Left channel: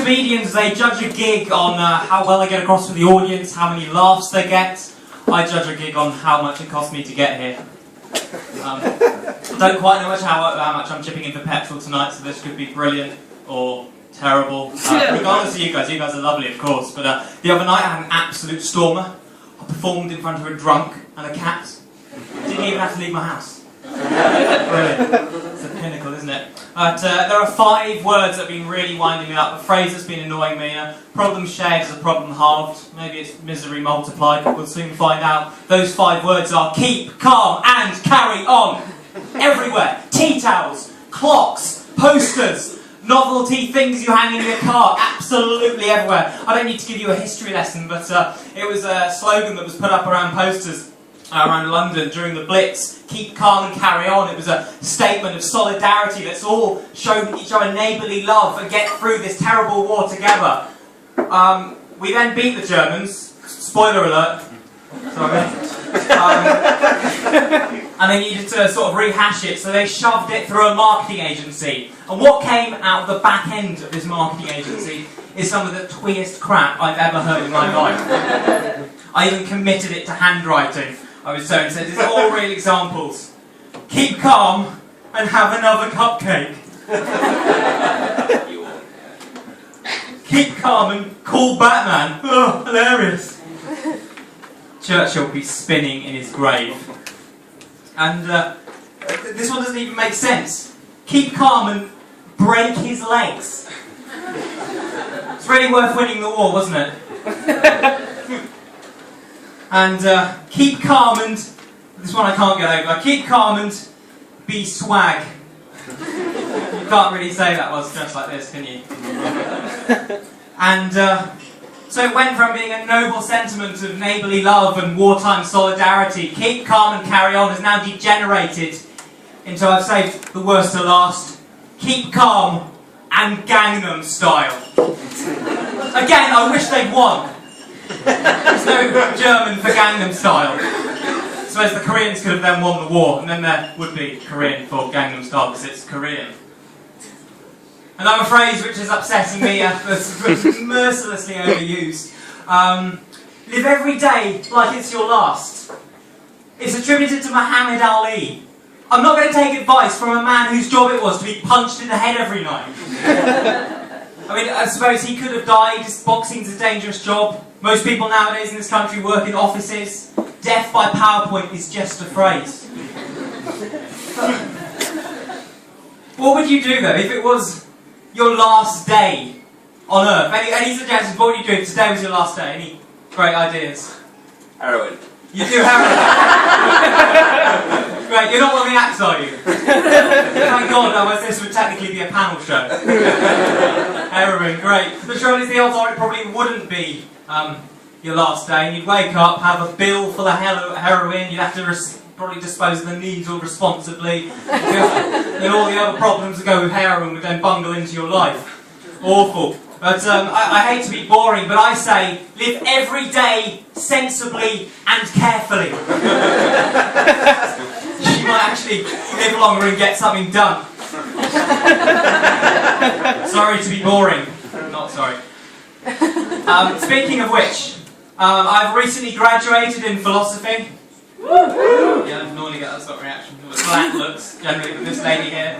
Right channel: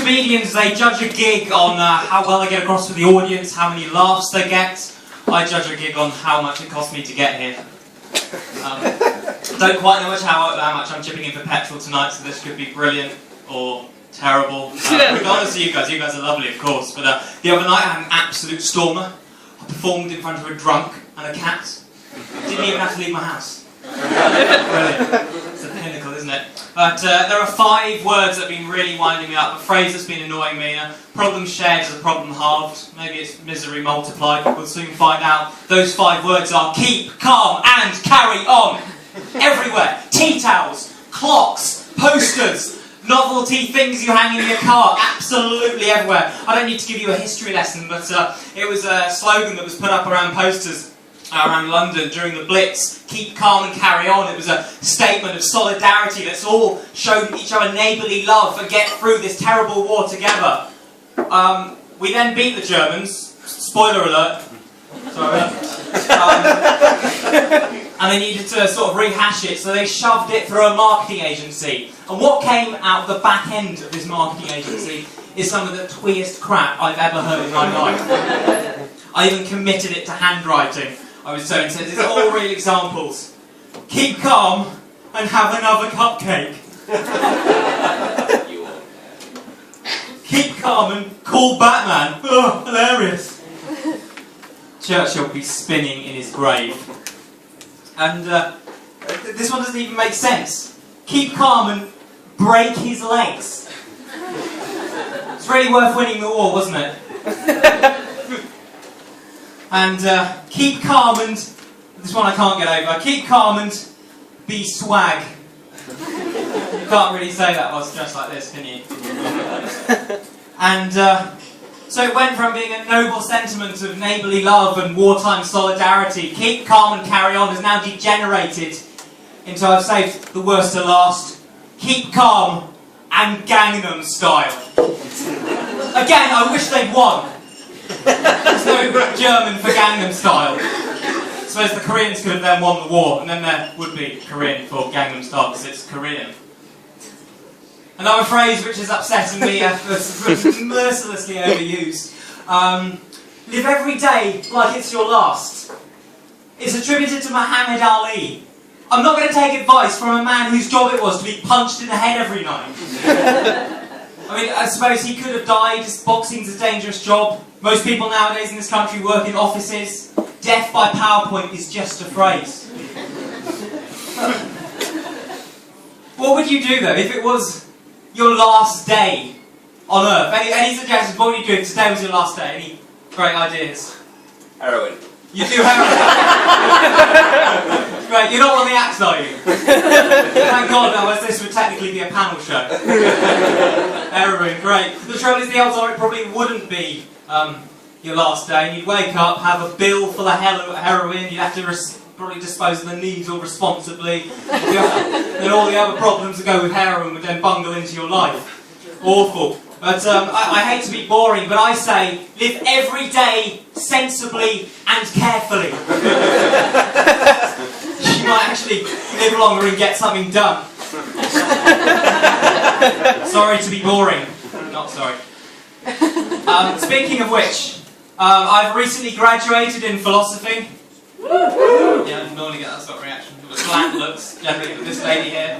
comedians, they judge a gig on how well they get across to the audience, how many laughs they get. I judge a gig on how much it cost me to get here. Don't quite know how much I'm chipping in for petrol tonight, so this could be brilliant or terrible. Regardless of you guys are lovely, of course. But the other night I had an absolute stormer. I performed in front of a drunk and a cat. Didn't even have to leave my house. Brilliant. It's a pinnacle, isn't it? But there are 5 words that have been really winding me up. A phrase that's been annoying me. Problem shared is a problem halved. Maybe it's misery multiplied. We'll soon find out. Those 5 words are keep, calm, and carry on. Everywhere. Tea towels, clocks, posters, novelty things you hang in your car. Absolutely everywhere. I don't need to give you a history lesson, but it was a slogan that was put up around posters around London during the Blitz. Keep calm and carry on. It was a statement of solidarity. Let's all show each other neighbourly love and get through this terrible war together. We then beat the Germans. Spoiler alert. Sorry. And they needed to sort of rehash it, so they shoved it through a marketing agency. And what came out of the back end of this marketing agency is some of the tweest crap I've ever heard in my life. I even committed it to handwriting. I was so intense. It's all real examples. Keep calm and have another cupcake. Keep calm and call Batman. Oh, hilarious. Churchill will be spinning in his grave. And this one doesn't even make sense. Keep calm and break his legs. It's really worth winning the war, wasn't it? And keep calm and... This one I can't get over. Keep calm and be swag. You can't really say that whilst dressed like this, can you? And so it went from being a noble sentiment of neighbourly love and wartime solidarity. Keep calm and carry on has now degenerated into, I've saved the worst to last, keep calm and Gangnam Style. Again, I wish they'd won. There's no German for Gangnam Style. I suppose the Koreans could have then won the war, and then there would be Korean for Gangnam Style, because it's Korean. Another phrase which is upsetting me, mercilessly overused. Live every day like it's your last. It's attributed to Muhammad Ali. I'm not going to take advice from a man whose job it was to be punched in the head every night. I mean, I suppose he could have died. Boxing's a dangerous job. Most people nowadays in this country work in offices. Death by PowerPoint is just a phrase. What would you do though if it was your last day on Earth? Any suggestions? What would you do if today was your last day? Any great ideas? Heroin. You do heroin? Great, you're not one of the acts, are you? Thank God, otherwise this would technically be a panel show. Heroin, great. The trouble is the odds are it probably wouldn't be your last day, and you'd wake up, have a bill full of heroin, you'd have to probably dispose of the needle responsibly, and all the other problems that go with heroin would then bungle into your life. Awful. But I hate to be boring, but I say, live every day sensibly and carefully. You might actually live longer and get something done. Sorry to be boring. Not sorry. Speaking of which, I've recently graduated in philosophy. Yeah, I normally get that sort of reaction. Blank looks, generally, with this lady here.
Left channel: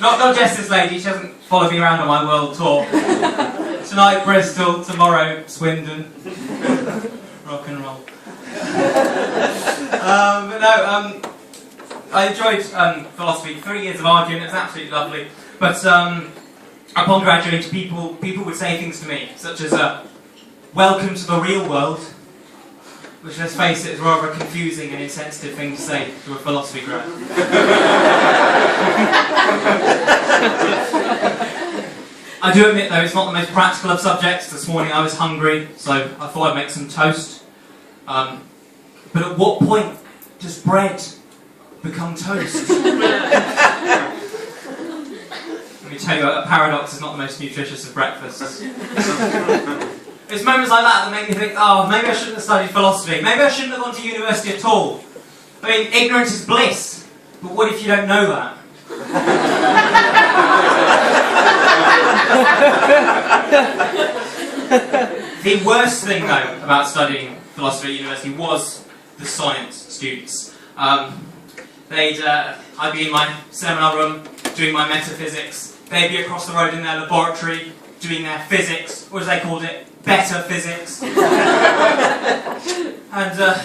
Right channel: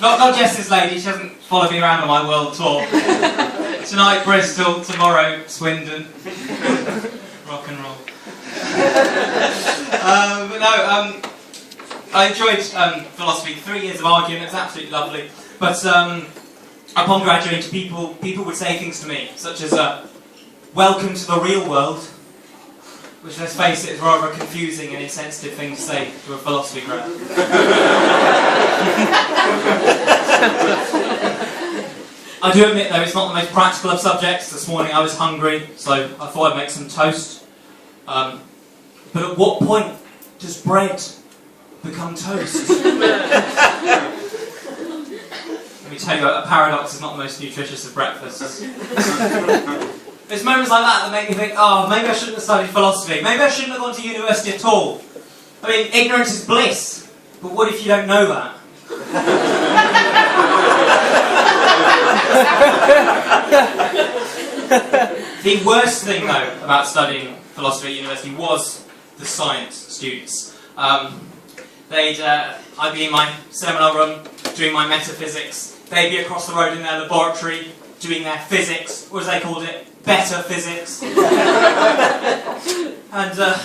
Not just this lady, she hasn't followed me around on my world tour. Tonight, Bristol, tomorrow, Swindon. Rock and roll. But no, I enjoyed philosophy. 3 years of arguing, it was absolutely lovely. But upon graduating, people would say things to me, such as, welcome to the real world. Which, let's face it, is rather a confusing and insensitive thing to say to a philosophy grad. I do admit, though, it's not the most practical of subjects. This morning I was hungry, so I thought I'd make some toast. But at what point does bread become toast? Let me tell you, a paradox is not the most nutritious of breakfasts. It's moments like that that make me think, oh, maybe I shouldn't have studied philosophy. Maybe I shouldn't have gone to university at all. I mean, ignorance is bliss, but what if you don't know that? The worst thing, though, about studying philosophy at university was the science students. I'd be in my seminar room doing my metaphysics. They'd be across the road in their laboratory doing their physics, or as they called it, better physics. And the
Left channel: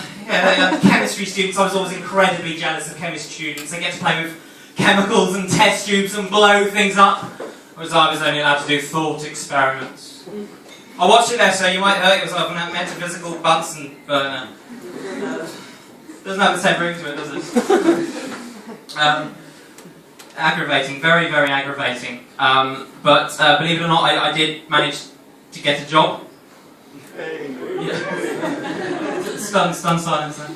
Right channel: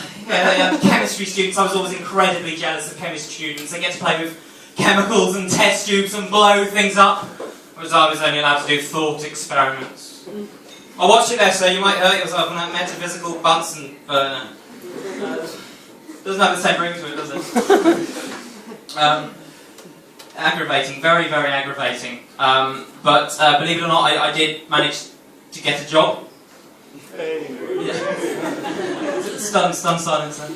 chemistry students, I was always incredibly jealous of chemistry students. They get to play with chemicals and test tubes and blow things up, whereas I was only allowed to do thought experiments. I watched it there, so you might hurt yourself on that metaphysical Bunsen burner. Doesn't have the same ring to it, does it? Aggravating, very, very aggravating. But believe it or not, I did manage to get a job. Yeah. Stunned silence then.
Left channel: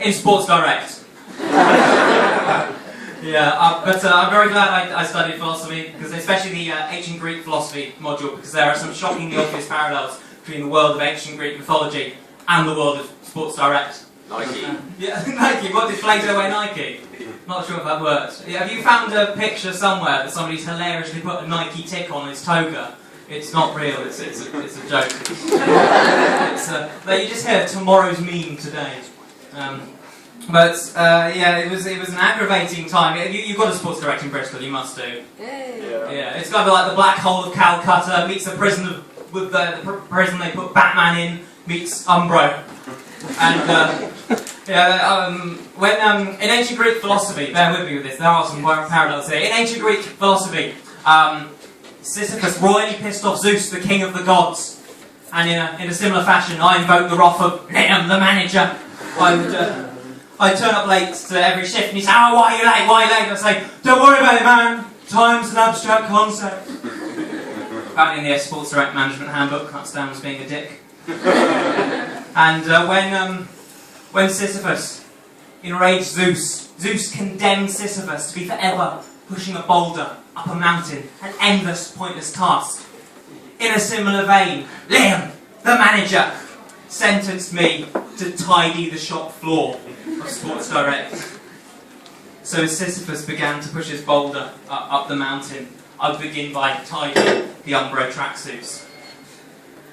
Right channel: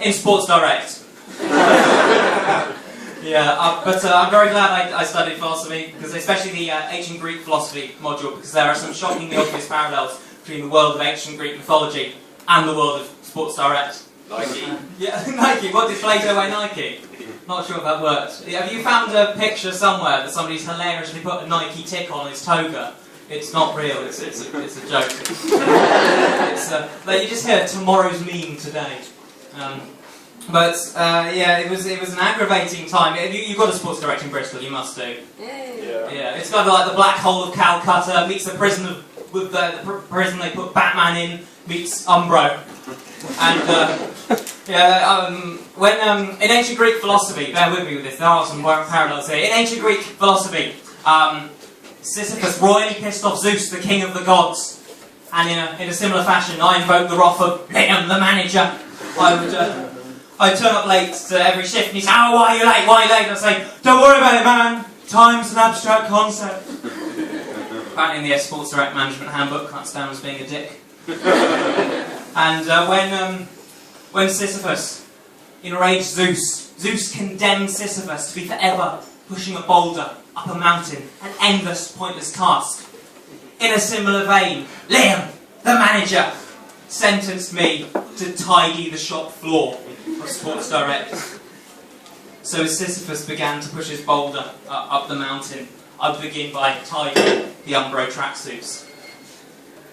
In Sports Direct. Yeah, but I'm very glad I studied philosophy, because especially the ancient Greek philosophy module, because there are some shockingly obvious parallels between the world of ancient Greek mythology and the world of Sports Direct. Nike. Yeah, Nike. What did Plato wear Nike? Not sure if that worked. Have you found a picture somewhere that somebody's hilariously put a Nike tick on his toga? It's not real. It's a joke. You just hear tomorrow's meme today. It was an aggravating time. You've got a Sports Direct in Bristol. You must do. Yeah. It's kind of like the Black Hole of Calcutta meets the prison with the prison they put Batman in meets Umbro. And when in ancient Greek philosophy, bear with me with this, there are some parallels here. In ancient Greek philosophy, Sisyphus royally pissed off Zeus, the king of the gods, and in a similar fashion, I invoked the wrath of Liam, the manager. I'd turn up late to every shift, and he'd say, "Oh, why are you late? Why are you late?" I'd say, "Don't worry about it, man. Time's an abstract concept." Apparently in the Sports Direct Management Handbook, can't stand as being a dick. And when Sisyphus enraged Zeus condemned Sisyphus to be forever pushing a boulder up a mountain, an endless, pointless task. In a similar vein, Liam, the manager, sentenced me to tidy the shop floor of Sports Direct. So as Sisyphus began to push his boulder up the mountain, I'd begin by tidying the Umbro tracksuits.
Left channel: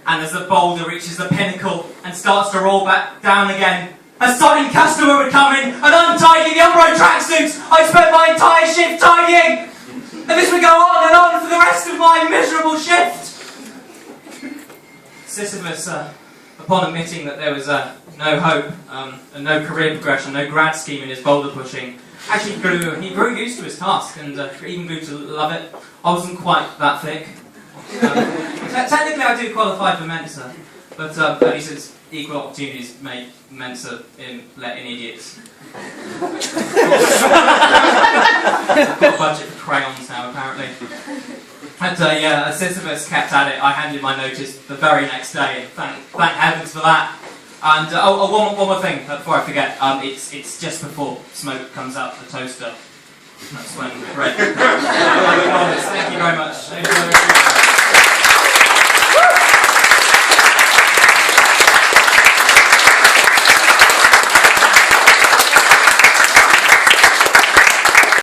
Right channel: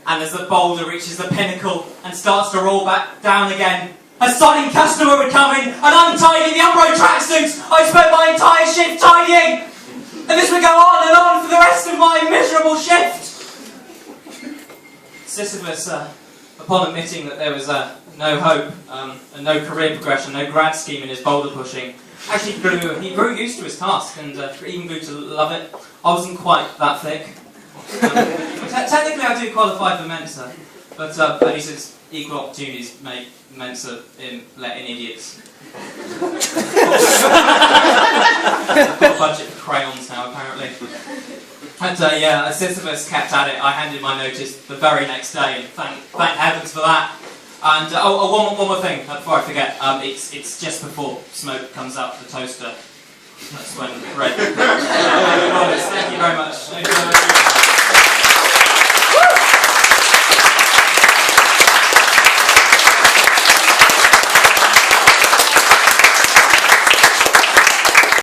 And as the boulder reaches the pinnacle and starts to roll back down again, a sodding customer would come in and untidy the Umbro tracksuits I spent my entire shift tidying! And this would go on and on for the rest of my miserable shift! Sisyphus, upon admitting that there was no hope, and no career progression, no grad scheme in his boulder pushing, actually grew used to his task and even grew to love it. I wasn't quite that thick. Technically I do qualify for Mensa, but at least it's equal opportunities make Mensa let in idiots. I've got a budget for crayons now, apparently. And as Sisyphus kept at it, I handed my notice the very next day, and thank heavens for that. And one more thing before I forget. It's just before smoke comes out the toaster. That's when the bread. Thank you very much.